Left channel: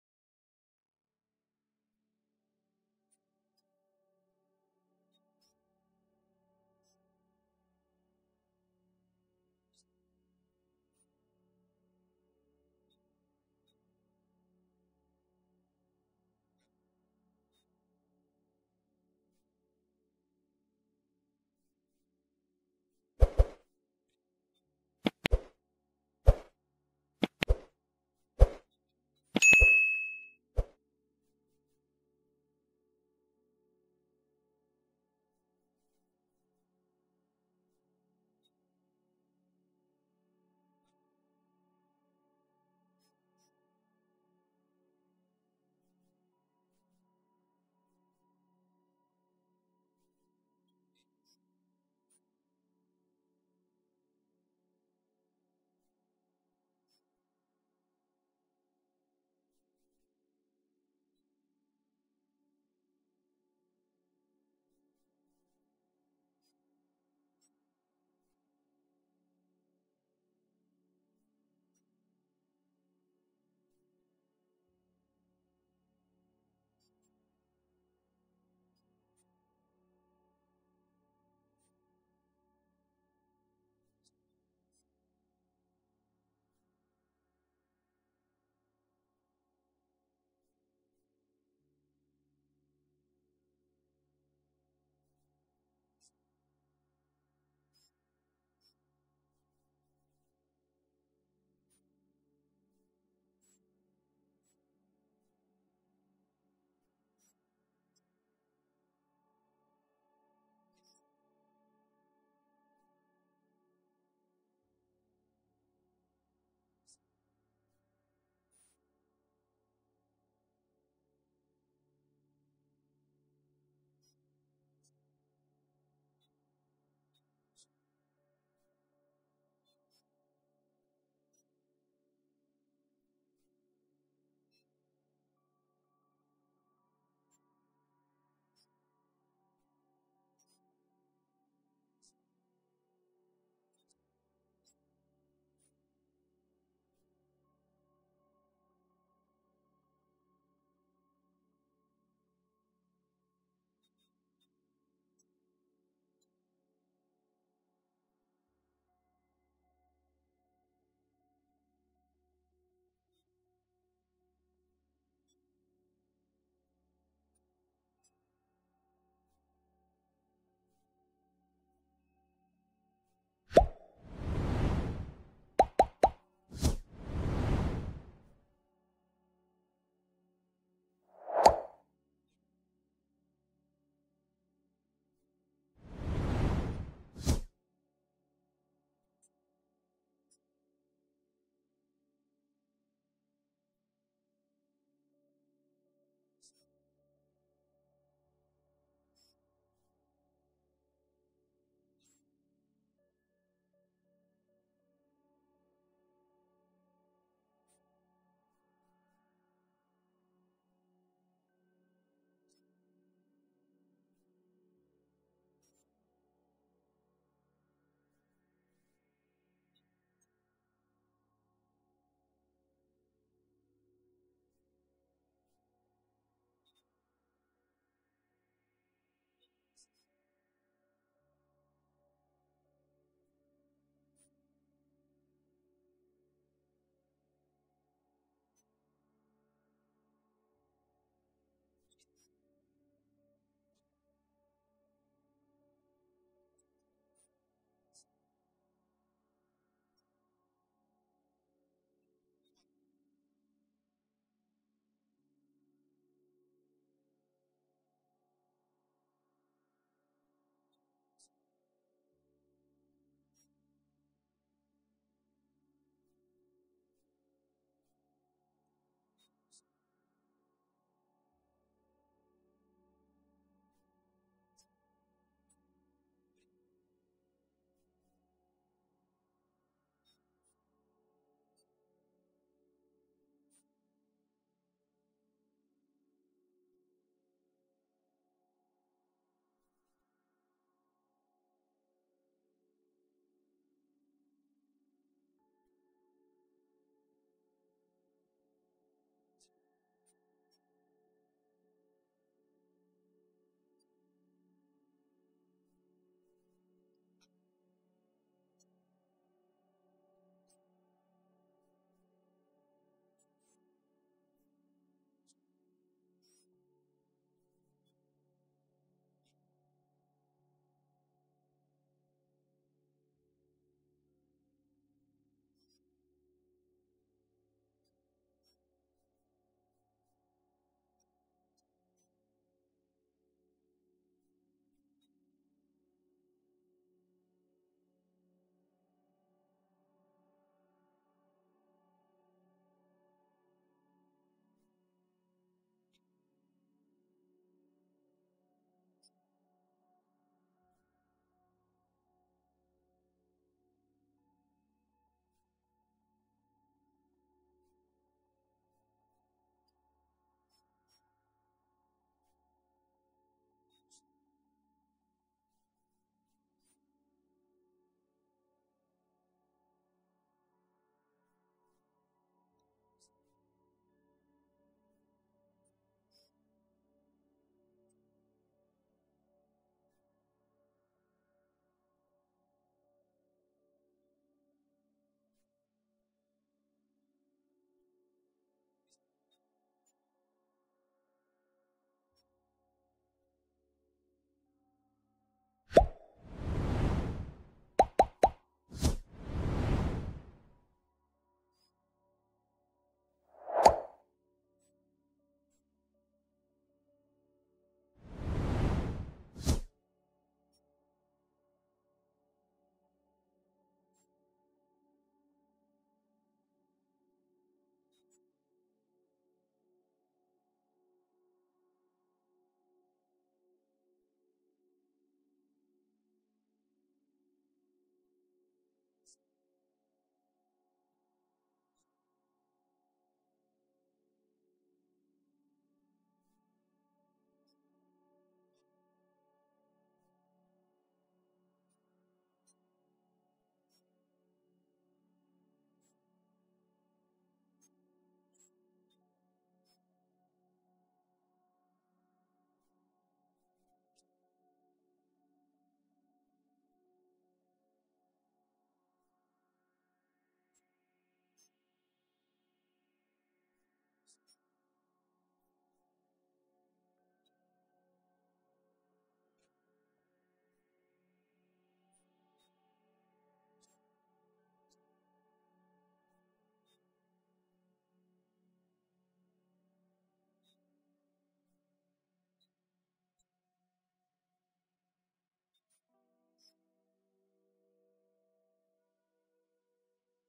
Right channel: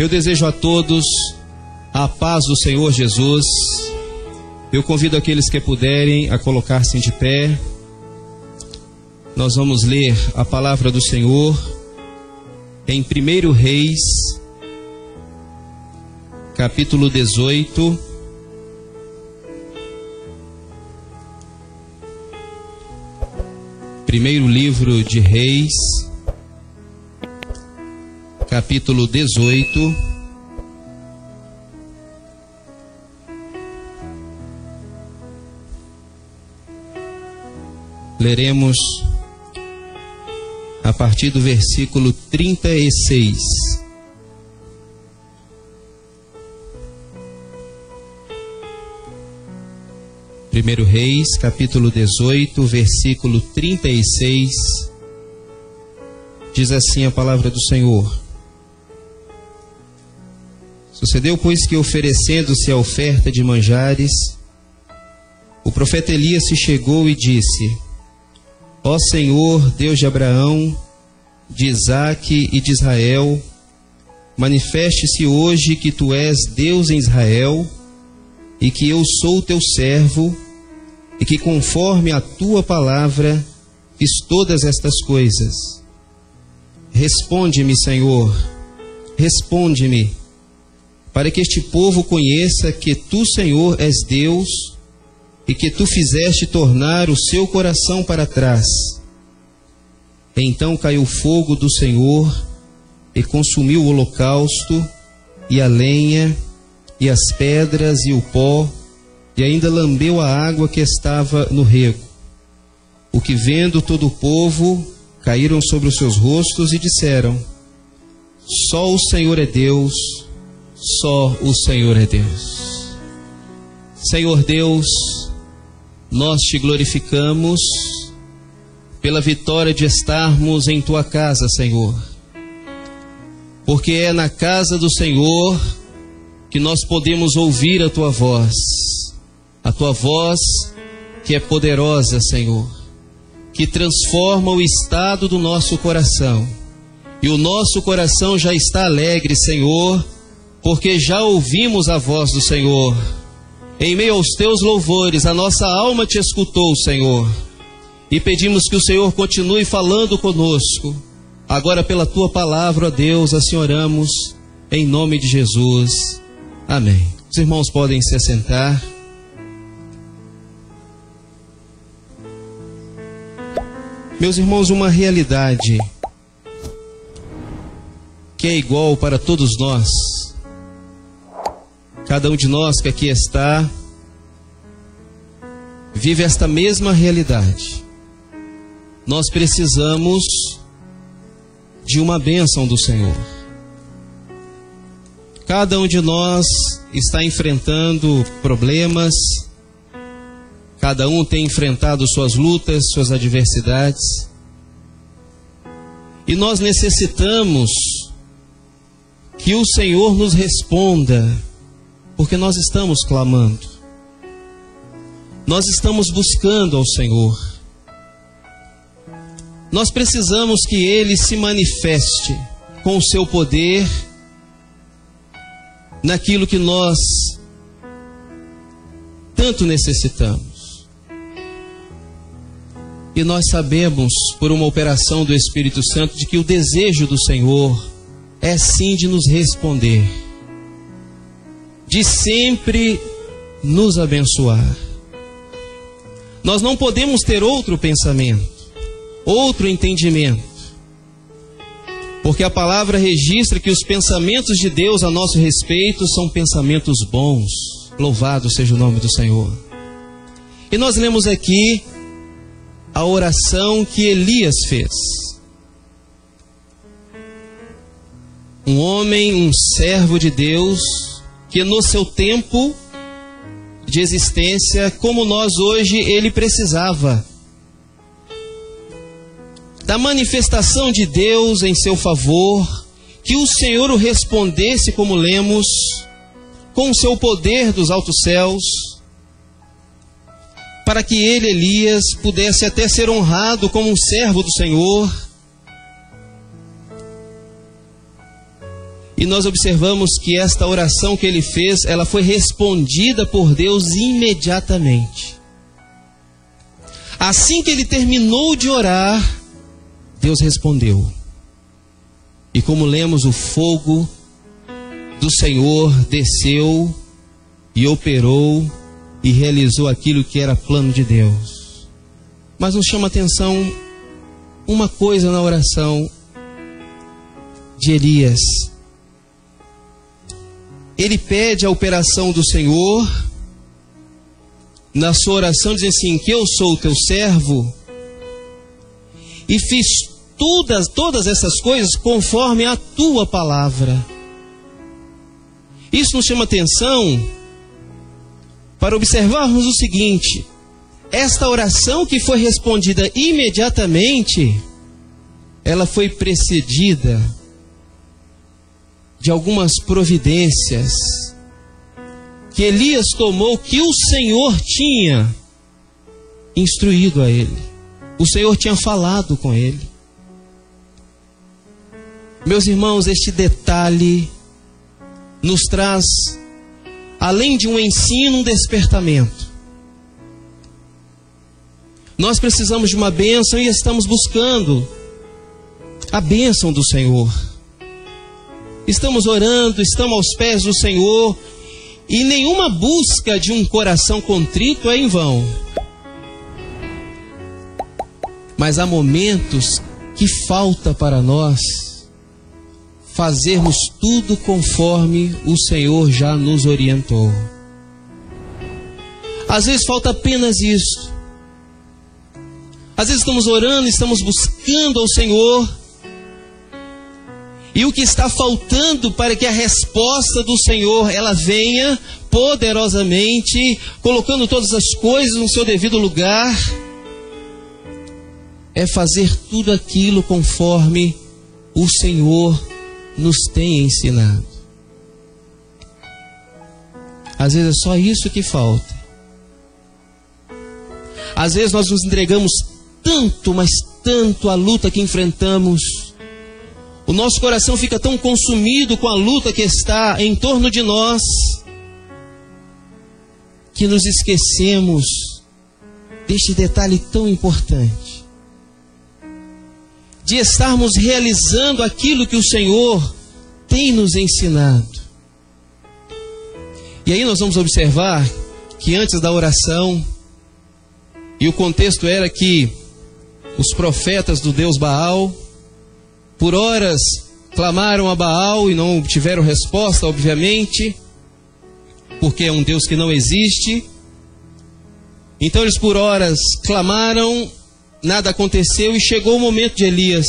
Eu desejo a todos a paz do Senhor Jesus. Eu convido aqueles que puderem a colocar-se de pé. Nós vamos ler a palavra do Senhor em 1 Reis, capítulo 18. Primeiro livro de Reis, capítulo 18. Leremos a partir do versículo 36. Primeiro Reis, capítulo 18, versículo 36. Diz assim a palavra do Senhor: Sucedeu, pois, que oferecendo-se a oferta de manjares, o profeta Elias se chegou e disse: Ó Senhor, Deus de Abraão, de Isaque e de Israel, manifeste-se hoje que tu és Deus em Israel, e que eu sou teu servo, e que conforme a tua palavra fiz todas estas coisas. Responde-me, Senhor, responde-me, para que este povo conheça que tu, Senhor, és Deus, e que tu fizeste tornar o seu coração para trás. Então caiu o fogo do Senhor, e consumiu o holocausto, e a lenha, e as pedras, e o pó, e ainda lambeu a água que estava no rego. O que vendo todo o povo, caíram sobre os seus rostos e disseram: Só o Senhor é Deus, só o Senhor é Deus. Senhor Deus, nós te glorificamos pela vitória de estarmos em tua casa, Senhor, porque é na casa do Senhor que nós podemos ouvir a tua voz que é poderosa, Senhor, que transforma o estado do nosso coração, e o nosso coração já está alegre, Senhor, porque já ouvimos a voz do Senhor. Em meio aos teus louvores, a nossa alma te escutou, Senhor, e pedimos que o Senhor continue falando conosco. Agora, pela tua palavra, ó Deus, assim oramos, em nome de Jesus. Amém. Os irmãos podem se assentar. Meus irmãos, uma realidade que é igual para todos nós, cada um de nós que aqui está, vive esta mesma realidade. Nós precisamos de uma bênção do Senhor. Cada um de nós está enfrentando problemas, cada um tem enfrentado suas lutas, suas adversidades, e nós necessitamos que o Senhor nos responda, porque nós estamos clamando, nós estamos buscando ao Senhor, nós precisamos que Ele se manifeste com o seu poder naquilo que nós tanto necessitamos. E nós sabemos, por uma operação do Espírito Santo, de que o desejo do Senhor é sim de nos responder, de sempre nos abençoar. Nós não podemos ter outro pensamento, outro entendimento, porque a palavra registra que os pensamentos de Deus a nosso respeito são pensamentos bons. Louvado seja o nome do Senhor. E nós lemos aqui a oração que Elias fez. Um homem, um servo de Deus, que no seu tempo de existência, como nós hoje, ele precisava da manifestação de Deus em seu favor, que o Senhor o respondesse, como lemos, com o seu poder dos altos céus, para que ele, Elias, pudesse até ser honrado como um servo do Senhor. E nós observamos que esta oração que ele fez, ela foi respondida por Deus imediatamente. Assim que ele terminou de orar, Deus respondeu. E como lemos, o fogo do Senhor desceu e operou e realizou aquilo que era plano de Deus. Mas nos chama a atenção uma coisa na oração de Elias. Ele pede a operação do Senhor, na sua oração diz assim, que eu sou o teu servo, e fiz todas essas coisas conforme a tua palavra. Isso nos chama atenção para observarmos o seguinte: esta oração que foi respondida imediatamente, ela foi precedida de algumas providências que Elias tomou, que o Senhor tinha instruído a ele. O Senhor tinha falado com ele. Meus irmãos, este detalhe nos traz, além de um ensino, um despertamento. Nós precisamos de uma bênção e estamos buscando a bênção do Senhor. Estamos orando, estamos aos pés do Senhor, e nenhuma busca de um coração contrito é em vão. Mas há momentos que falta para nós fazermos tudo conforme o Senhor já nos orientou. Às vezes falta apenas isso. Às vezes estamos orando, estamos buscando ao Senhor, e o que está faltando para que a resposta do Senhor ela venha poderosamente, colocando todas as coisas no seu devido lugar, é fazer tudo aquilo conforme o Senhor nos tem ensinado. Às vezes é só isso que falta. Às vezes nós nos entregamos tanto, mas tanto à luta que enfrentamos. O nosso coração fica tão consumido com a luta que está em torno de nós, que nos esquecemos deste detalhe tão importante, de estarmos realizando aquilo que o Senhor tem nos ensinado. E aí nós vamos observar que antes da oração, e o contexto era que os profetas do Deus Baal, por horas clamaram a Baal e não obtiveram resposta, obviamente, porque é um Deus que não existe. Então eles por horas clamaram, nada aconteceu, e chegou o momento de Elias.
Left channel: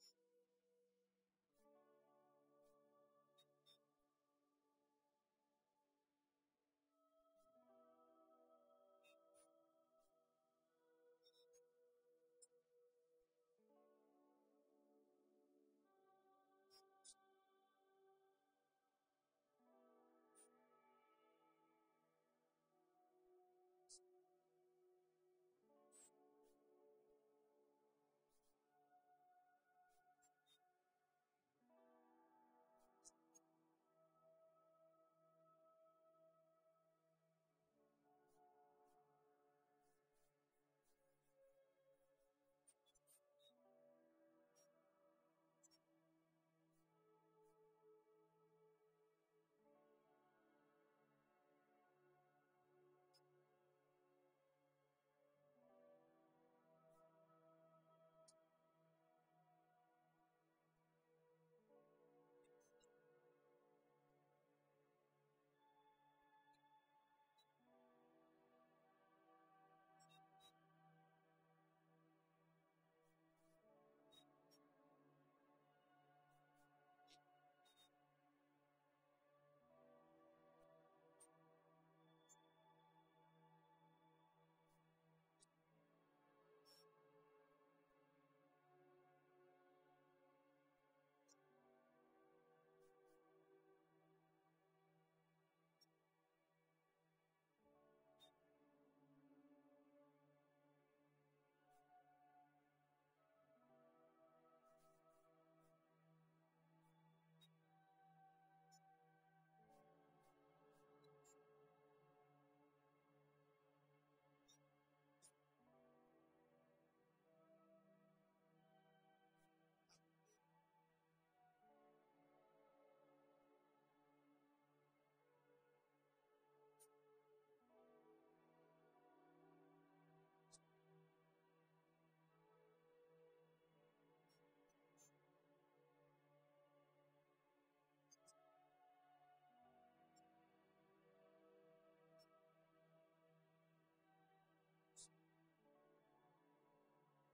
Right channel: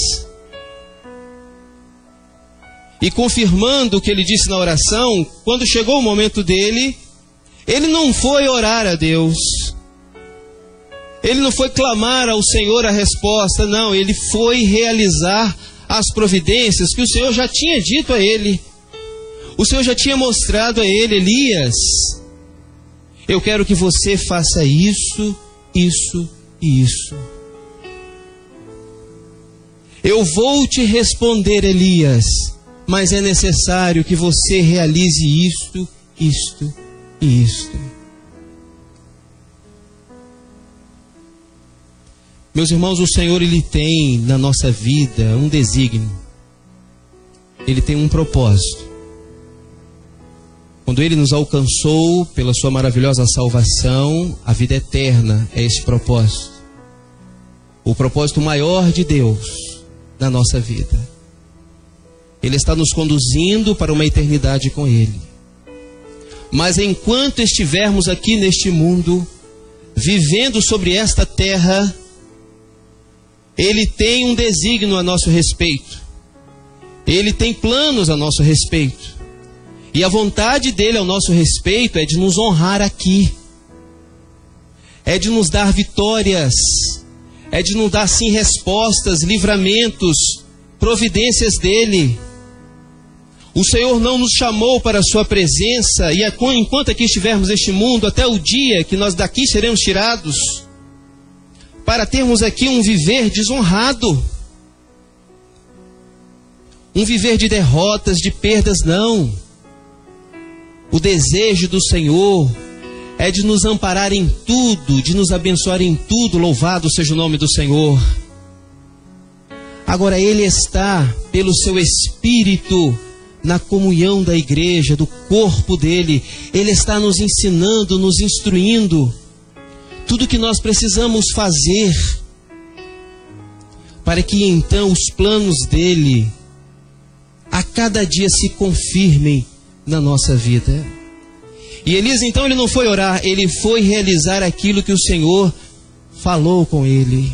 E confirmando o que ele disse na oração, quando chegou o momento dele, ele não foi orar a Deus, ele não foi clamar ao Senhor a resposta, não, ele foi realizar as providências que o Senhor já tinha dito a ele. O Senhor já tinha mostrado a ele: Elias, eu quero que você faça isso, isso e isso. Eu vou te responder, Elias, mas é necessário que você realize isto, isto e isto. Meus irmãos, o Senhor, Ele tem na nossa vida um desígnio. Ele tem um propósito. Quando Ele nos alcançou pela sua maravilhosa salvação, a vida eterna é esse propósito. O propósito maior de Deus na nossa vida. Ele está nos conduzindo para uma eternidade com Ele. Mas enquanto estivermos aqui neste mundo, vivendo sobre esta terra, Ele tem um desígnio a nosso respeito. Ele tem planos a nosso respeito. E a vontade dele ao nosso respeito é de nos honrar aqui. É de nos dar vitórias. É de nos dar sim respostas, livramentos, providências dele. O Senhor não nos chamou para a sua presença, e enquanto aqui estivermos neste mundo, até o dia que nós daqui seremos tirados, para termos aqui um viver desonrado. um viver de derrotas, de perdas, não. O desejo do Senhor é de nos amparar em tudo, de nos abençoar em tudo. Louvado seja o nome do Senhor. Agora Ele está, pelo seu Espírito, na comunhão da igreja, do corpo dele. Ele está nos ensinando, nos instruindo tudo que nós precisamos fazer para que então os planos dele a cada dia se confirmem na nossa vida. E Elias então ele não foi orar, ele foi realizar aquilo que o Senhor falou com ele.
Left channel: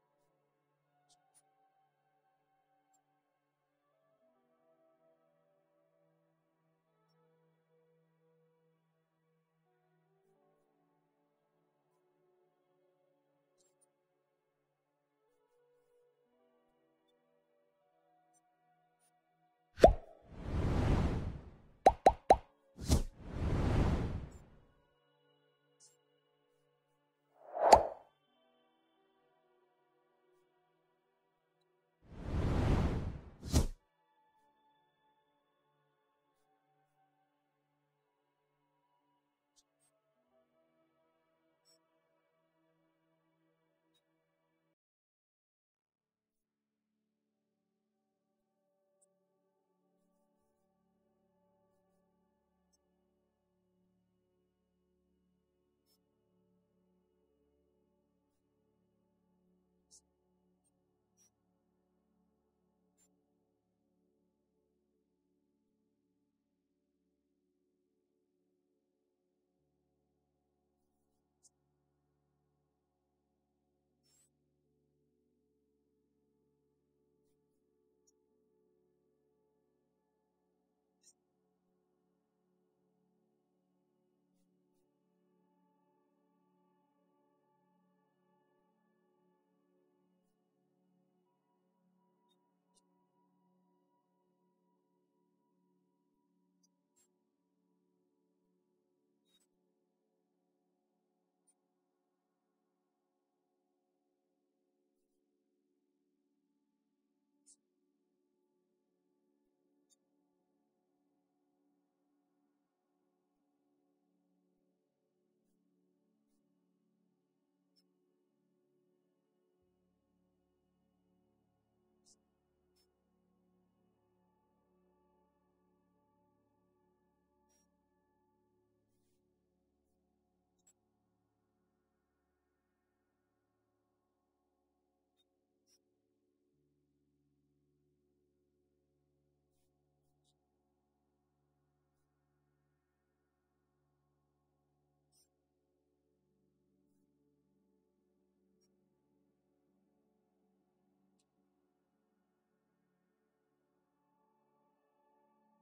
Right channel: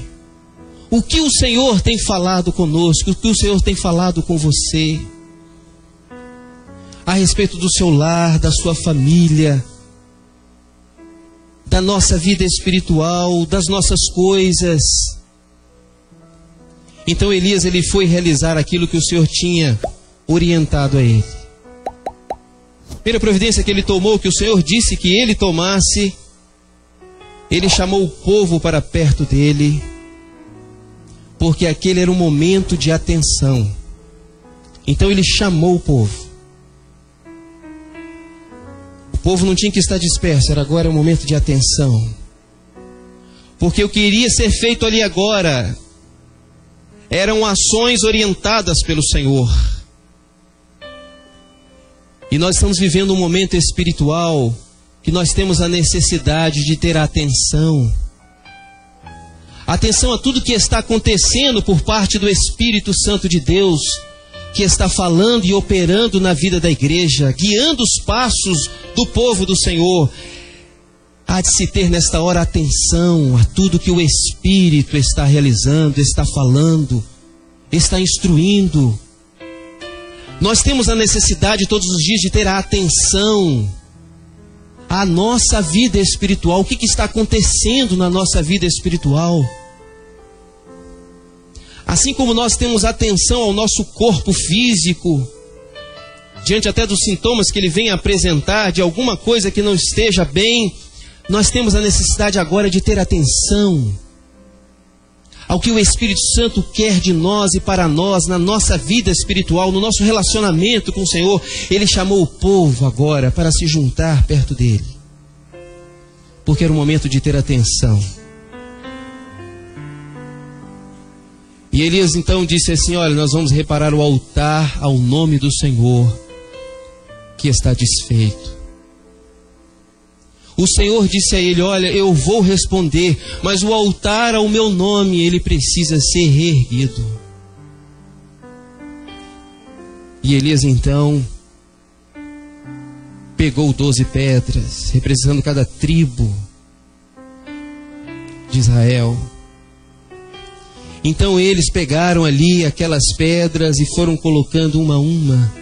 O que o Senhor tem falado conosco, o que o Senhor tem falado com você a respeito do seu lar, da sua família, da nossa vida espiritual, das nossas coisas. Então Elias ele foi realizar aquilo que o Senhor tinha orientado a ele. Primeira providência que ele tomou, que o Senhor disse que ele tomasse, ele chamou o povo para perto dele, porque aquele era um momento de atenção. Então ele chamou o povo. O povo não tinha que estar disperso, agora é um momento de atenção. Porque o que iria ser feito ali agora eram ações orientadas pelo Senhor. E nós estamos vivendo um momento espiritual que nós temos a necessidade de ter atenção. Atenção a tudo que está acontecendo por parte do Espírito Santo de Deus, que está falando e operando na vida da igreja, guiando os passos do povo do Senhor. Há de se ter nesta hora atenção a tudo que o Espírito está realizando, está falando, está instruindo. Nós temos a necessidade todos os dias de ter a atenção à nossa vida espiritual. O que está acontecendo na nossa vida espiritual? Assim como nós temos atenção ao nosso corpo físico, diante até dos sintomas que ele vem apresentar, de alguma coisa que não esteja bem, nós temos a necessidade agora de ter atenção ao que o Espírito Santo quer de nós e para nós, na nossa vida espiritual, no nosso relacionamento com o Senhor. Ele chamou o povo agora para se juntar perto dele, porque era o momento de ter atenção. E Elias então disse assim: olha, nós vamos reparar o altar ao nome do Senhor, que está desfeito. O Senhor disse a ele: olha, eu vou responder, mas o altar ao meu nome, ele precisa ser reerguido. E Elias então pegou 12 pedras, representando cada tribo de Israel. Então eles pegaram ali aquelas pedras e foram colocando uma a uma,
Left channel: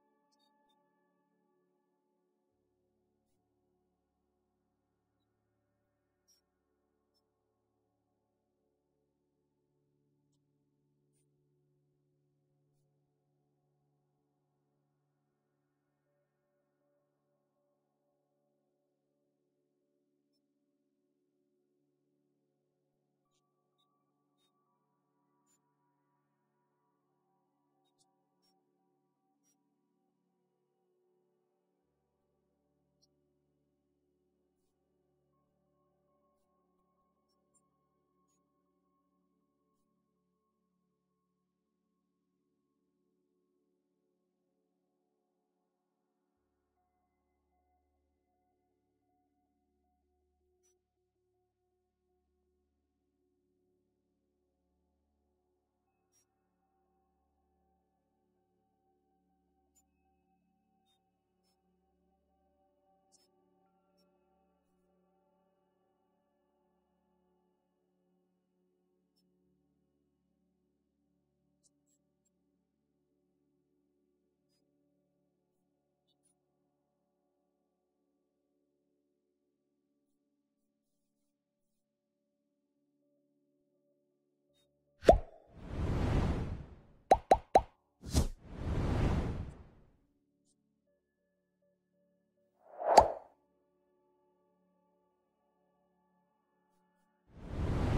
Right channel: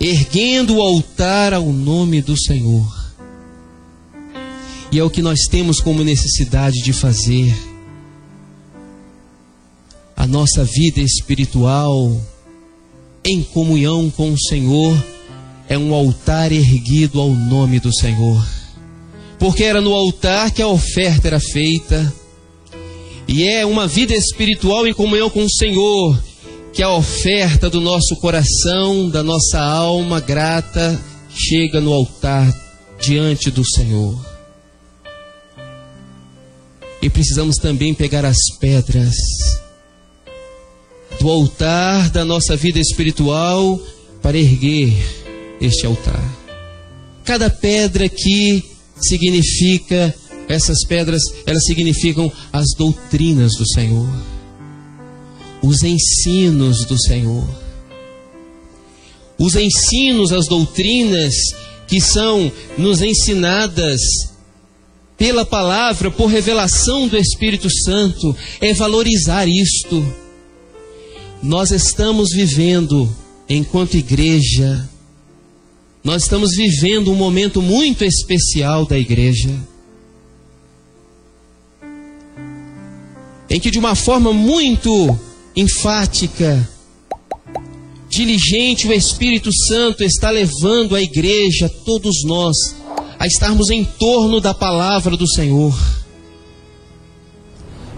erguendo o altar ao nome do Senhor. E é o que nós temos como necessidade de fazer. A nossa vida espiritual, em comunhão com o Senhor, é um altar erguido ao nome do Senhor. Porque era no altar que a oferta era feita. E é uma vida espiritual em comunhão com o Senhor que a oferta do nosso coração, da nossa alma grata, chega no altar diante do Senhor. E precisamos também pegar as pedras do altar da nossa vida espiritual para erguer este altar. Cada pedra aqui significa, essas pedras, elas significam as doutrinas do Senhor, os ensinos do Senhor. Os ensinos, as doutrinas que são nos ensinadas pela palavra, por revelação do Espírito Santo, é valorizar isto. Nós estamos vivendo, enquanto igreja, nós estamos vivendo um momento muito especial da igreja, em que de uma forma muito enfática, diligente, o Espírito Santo está levando a igreja, todos nós, a estarmos em torno da palavra do Senhor,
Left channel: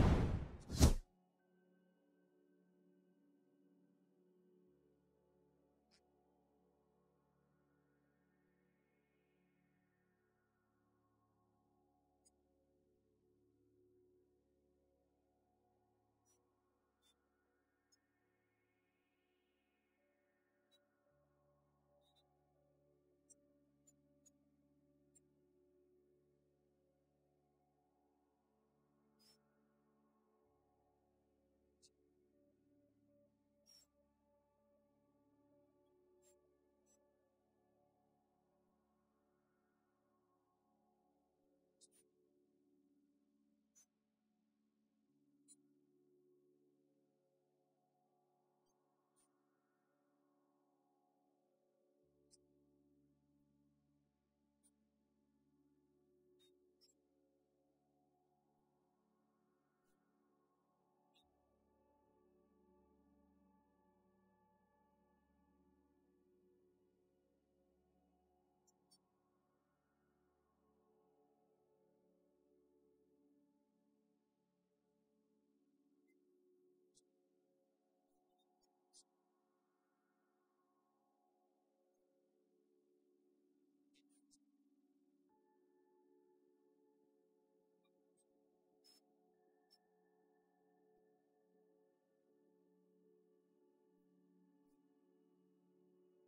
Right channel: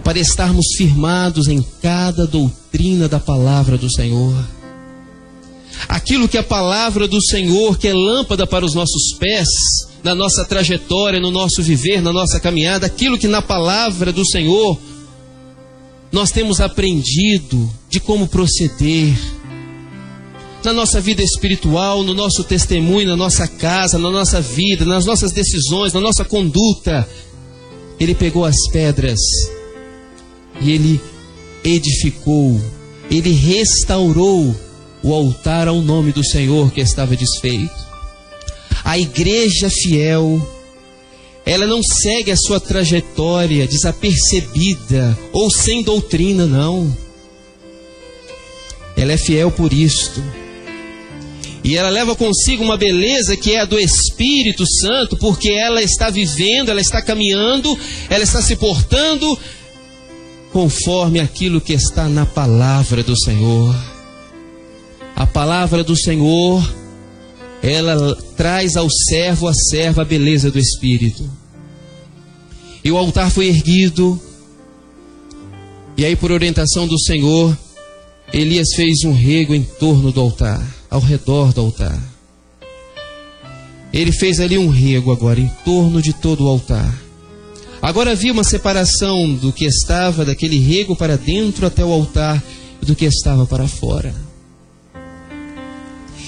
para estarmos firmados em cada doutrina doutrina da palavra do Senhor. Aquilo que a palavra do Senhor, que é lâmpada para os nossos pés, na nossa trajetória, no nosso viver, na nossa caminhada, aquilo que na palavra do Senhor nós temos aprendido de como proceder, na nossa vida espiritual, no nosso testemunho, na nossa casa, na nossa vida, nas nossas decisões, na nossa conduta. Ele pegou as pedras e ele edificou, ele restaurou o altar ao nome do Senhor que estava desfeito. A igreja fiel, ela não segue a sua trajetória desapercebida ou sem doutrina, não. Ela é fiel por isto. E ela leva consigo uma beleza que é a do Espírito Santo, porque ela está vivendo, ela está caminhando, ela está se portando conforme aquilo que está na palavra do Senhor. A palavra do Senhor, ela traz ao servo, à serva, a beleza do Espírito. E o altar foi erguido, e aí por orientação do Senhor, Elias fez um rego em torno do altar, ao redor do altar. Ele fez ali um rego agora, em torno de todo o altar. Agora havia uma separação do que estava daquele rego para dentro até o altar, e do que estava para fora.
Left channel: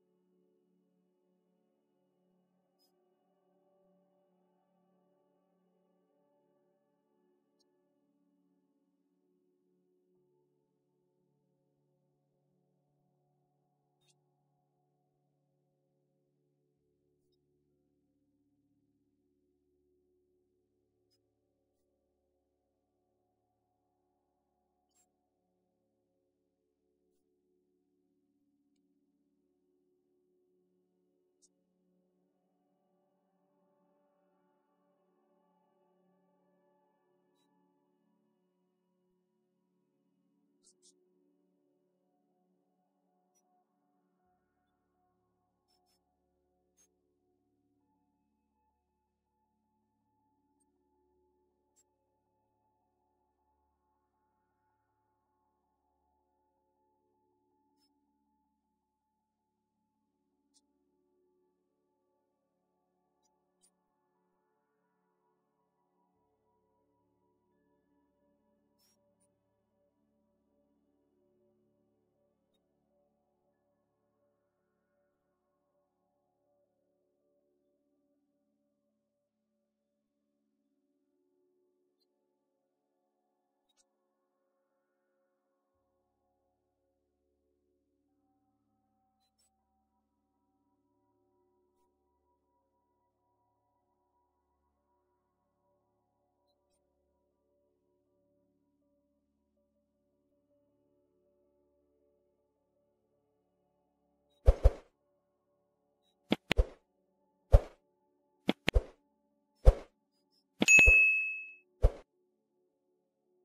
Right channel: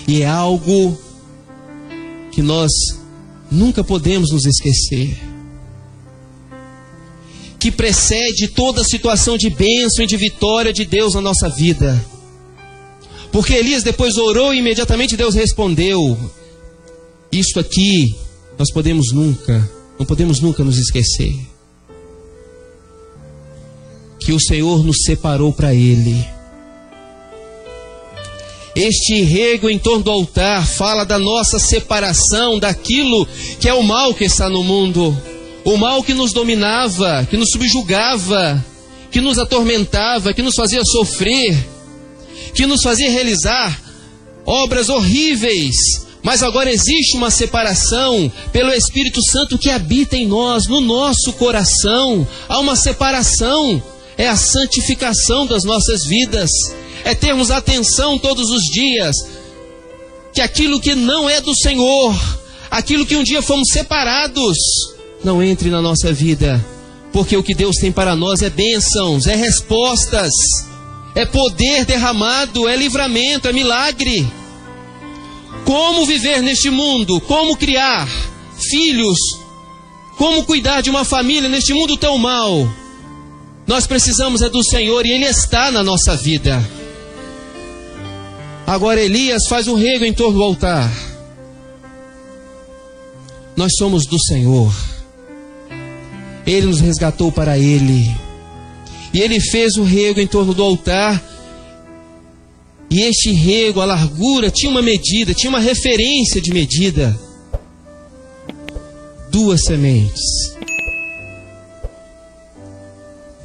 E é algo que nós nunca podemos nos esquecer, que precede toda situação de bênção e de vitória de Deus na nossa vida. Porque Elias depois orou e imediatamente Deus respondeu. Isto aqui nós não podemos nunca nos esquecer, que o Senhor nos separou para Ele. Este rego em torno do altar fala da nossa separação daquilo que é o mal que está no mundo. O mal que nos dominava, que nos subjugava, que nos atormentava, que nos fazia sofrer, que nos fazia realizar obras horríveis. Mas agora existe uma separação pelo Espírito Santo que habita em nós, no nosso coração. Há uma separação, é a santificação das nossas vidas. É termos atenção todos os dias, que aquilo que não é do Senhor, aquilo que um dia fomos separados, não entre na nossa vida, porque o que Deus tem para nós é bênçãos, é respostas, é poder derramado, é livramento, é milagre. Como viver neste mundo, como criar filhos, como cuidar de uma família neste mundo tão mau, nós precisamos é do Senhor e Ele está na nossa vida. Agora Elias faz um rego em torno do altar. Nós somos do Senhor. Ele nos resgatou para Ele. E Ele fez o rego em torno do altar. E este rego, a largura, tinha uma medida, tinha uma referência de medida. 2 sementes.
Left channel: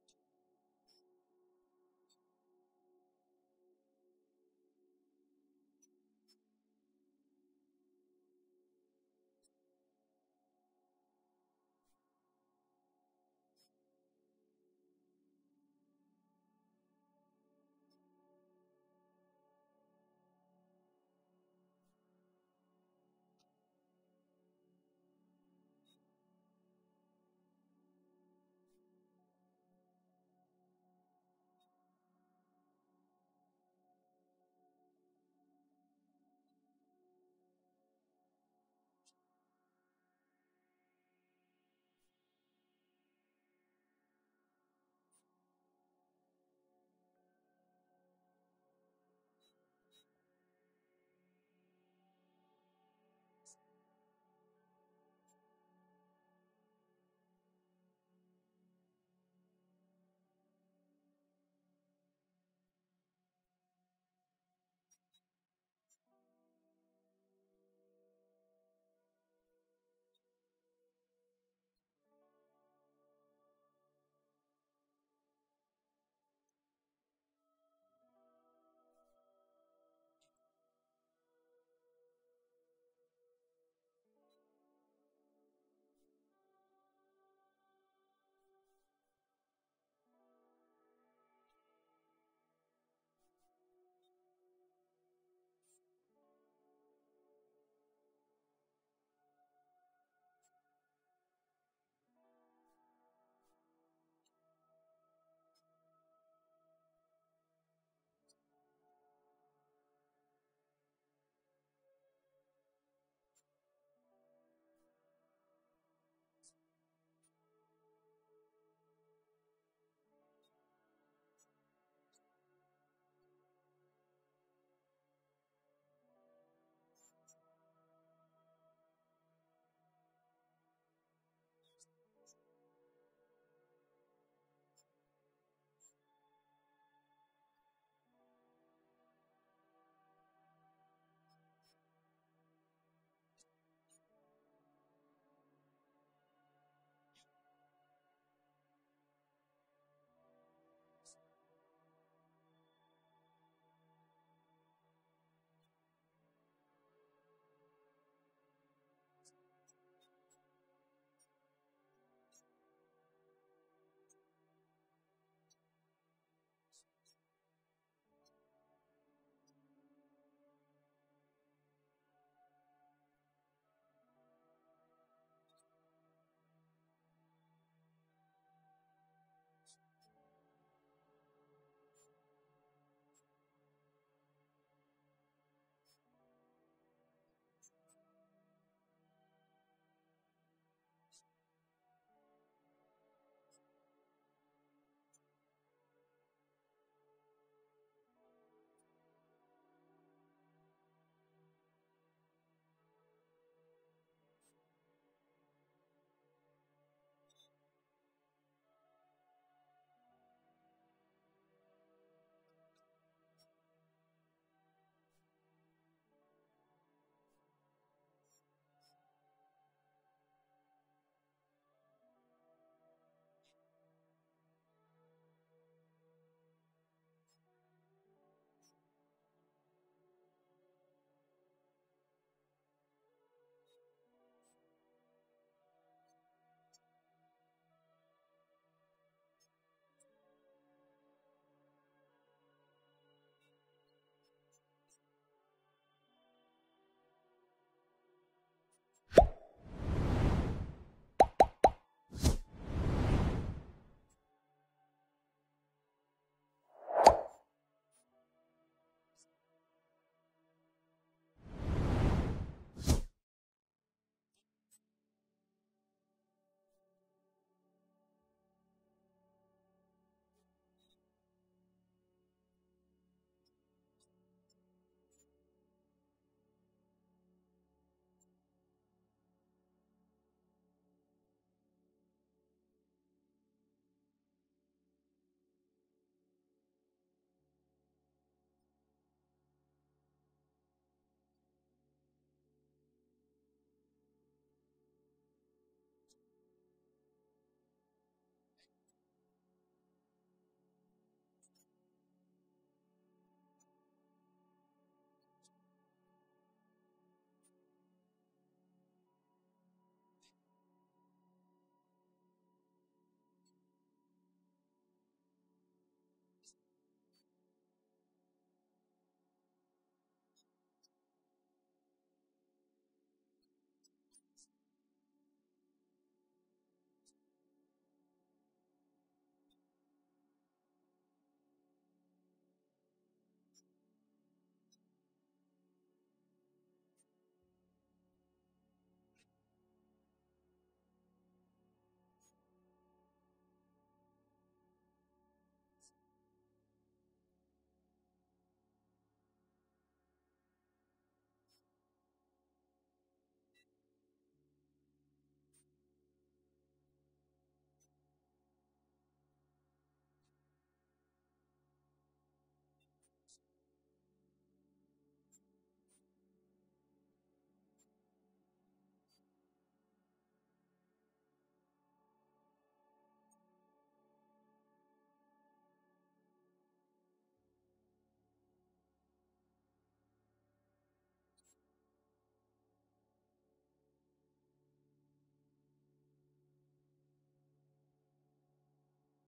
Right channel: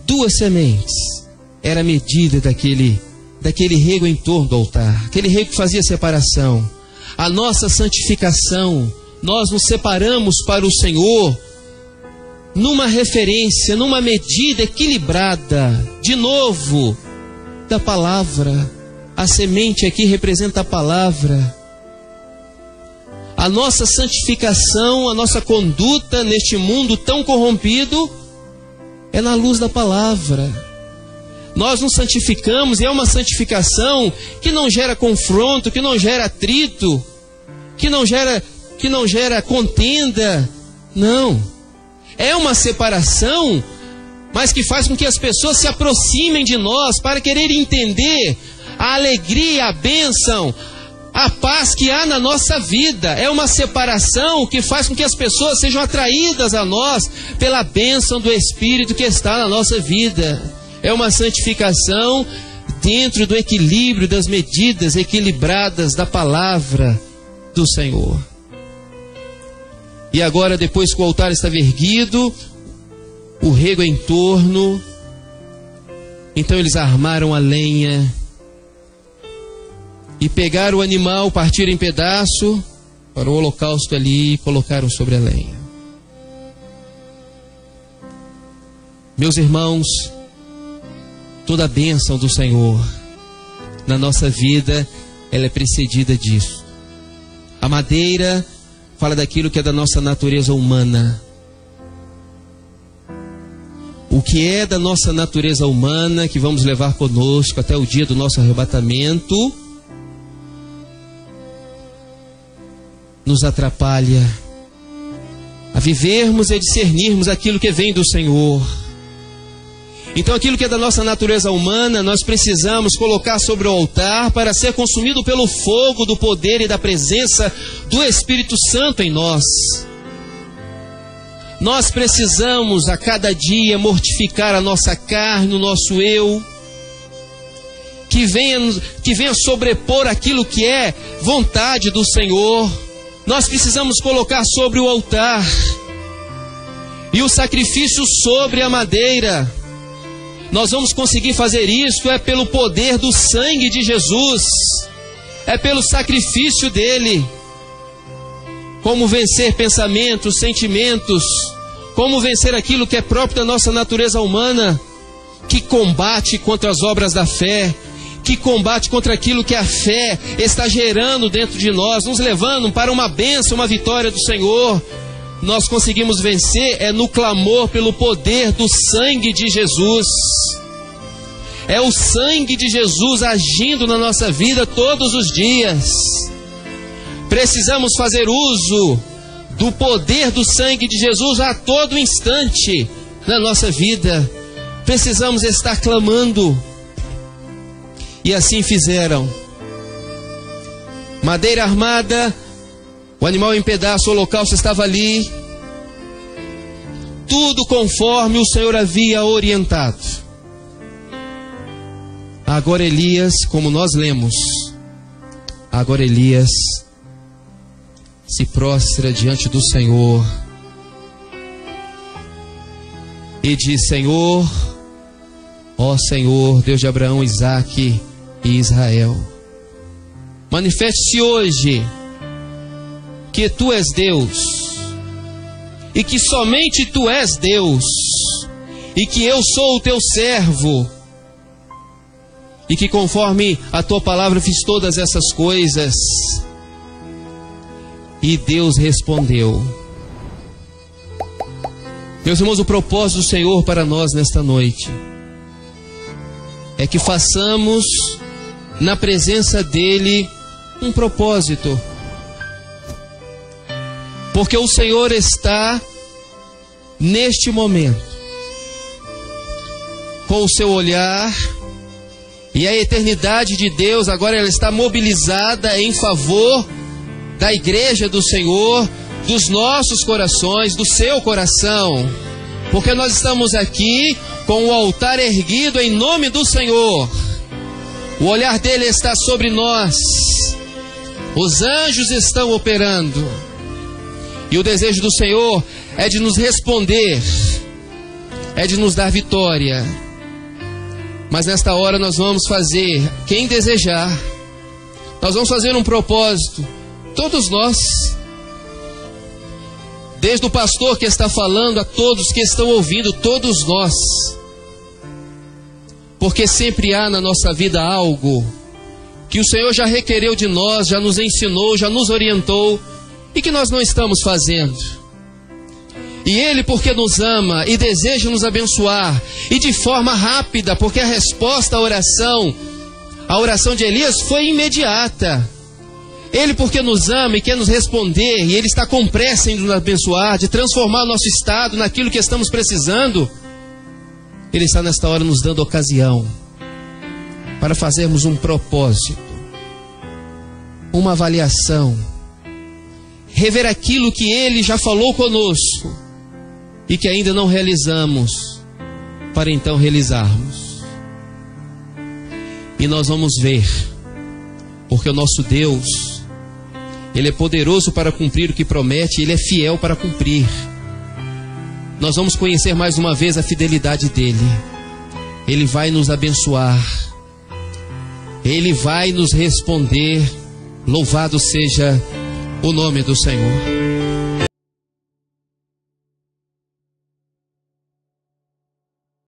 2 sementes. Era a medida daquele rego em torno do altar. Aquele rego que fazia separação. A nossa santificação, nós nos separamos para o Senhor numa referência, numa medida equilibrada, de novo, da palavra. A semente aqui representa a palavra. A nossa santificação, a nossa conduta neste mundo tão corrompido é na luz da palavra. Nós nos santificamos e é uma santificação que não gera confronto, que não gera atrito, que não gera contenda. Não. É uma separação, mas que faz com que as pessoas se aproximem de nós para querer entender a alegria, a bênção, a paz que há na nossa vida. É uma separação que faz com que as pessoas sejam atraídas a nós pela bênção do Espírito que está na nossa vida. É uma santificação dentro do equilíbrio das medidas equilibradas da palavra do Senhor. E agora, depois que o altar estava erguido, o rego em torno, então eles armaram a lenha e pegaram o animal, partiram em pedaço para o holocausto ali e colocaram sobre a lenha. Meus irmãos, toda a bênção do Senhor na nossa vida, ela é precedida disso. A madeira fala daquilo que é da nossa natureza humana. O que é da nossa natureza humana, que vamos levar conosco até o dia do nosso arrebatamento, nos atrapalha a vivermos e a discernirmos aquilo que vem do Senhor. Então aquilo que é da nossa natureza humana, nós precisamos colocar sobre o altar para ser consumido pelo fogo do poder e da presença do Espírito Santo em nós. Nós precisamos a cada dia mortificar a nossa carne, o nosso eu, que venha sobrepor aquilo que é vontade do Senhor. Nós precisamos colocar sobre o altar e o sacrifício sobre a madeira. Nós vamos conseguir fazer isso pelo poder do sangue de Jesus, pelo sacrifício dele. Como vencer pensamentos, sentimentos, como vencer aquilo que é próprio da nossa natureza humana, que combate contra as obras da fé, que combate contra aquilo que a fé está gerando dentro de nós, nos levando para uma bênção, uma vitória do Senhor. Nós conseguimos vencer no clamor pelo poder do sangue de Jesus. É o sangue de Jesus agindo na nossa vida todos os dias. Precisamos fazer uso do poder do sangue de Jesus a todo instante na nossa vida. Precisamos estar clamando. E assim fizeram. Madeira armada, o animal em pedaço, o holocausto estava ali. Tudo conforme o Senhor havia orientado. Agora Elias, como nós lemos, agora Elias se prostra diante do Senhor e diz: Senhor, ó Senhor, Deus de Abraão, Isaque e Israel, manifeste-se hoje que Tu és Deus, e que somente Tu és Deus, e que eu sou o Teu servo, e que conforme a Tua palavra fiz todas essas coisas. E Deus respondeu. Meus irmãos, o propósito do Senhor para nós nesta noite é que façamos na presença dEle um propósito. Porque o Senhor está neste momento com o seu olhar, e a eternidade de Deus agora ela está mobilizada em favor da igreja do Senhor, dos nossos corações, do seu coração. Porque nós estamos aqui com o altar erguido em nome do Senhor. O olhar dele está sobre nós. Os anjos estão operando. E o desejo do Senhor é de nos responder, é de nos dar vitória. Mas nesta hora nós vamos fazer, quem desejar, nós vamos fazer um propósito, todos nós, desde o pastor que está falando a todos que estão ouvindo, todos nós, porque sempre há na nossa vida algo que o Senhor já requereu de nós, já nos ensinou, já nos orientou, e que nós não estamos fazendo. E Ele, porque nos ama e deseja nos abençoar, e de forma rápida, porque a resposta à oração de Elias foi imediata. Ele, porque nos ama e quer nos responder, e Ele está com pressa em nos abençoar, de transformar o nosso estado naquilo que estamos precisando, Ele está nesta hora nos dando ocasião para fazermos um propósito, uma avaliação, rever aquilo que Ele já falou conosco e que ainda não realizamos, para então realizarmos. E nós vamos ver, porque o nosso Deus, Ele é poderoso para cumprir o que promete, Ele é fiel para cumprir. Nós vamos conhecer mais uma vez a fidelidade dEle. Ele vai nos abençoar, Ele vai nos responder. Louvado seja o nome do Senhor.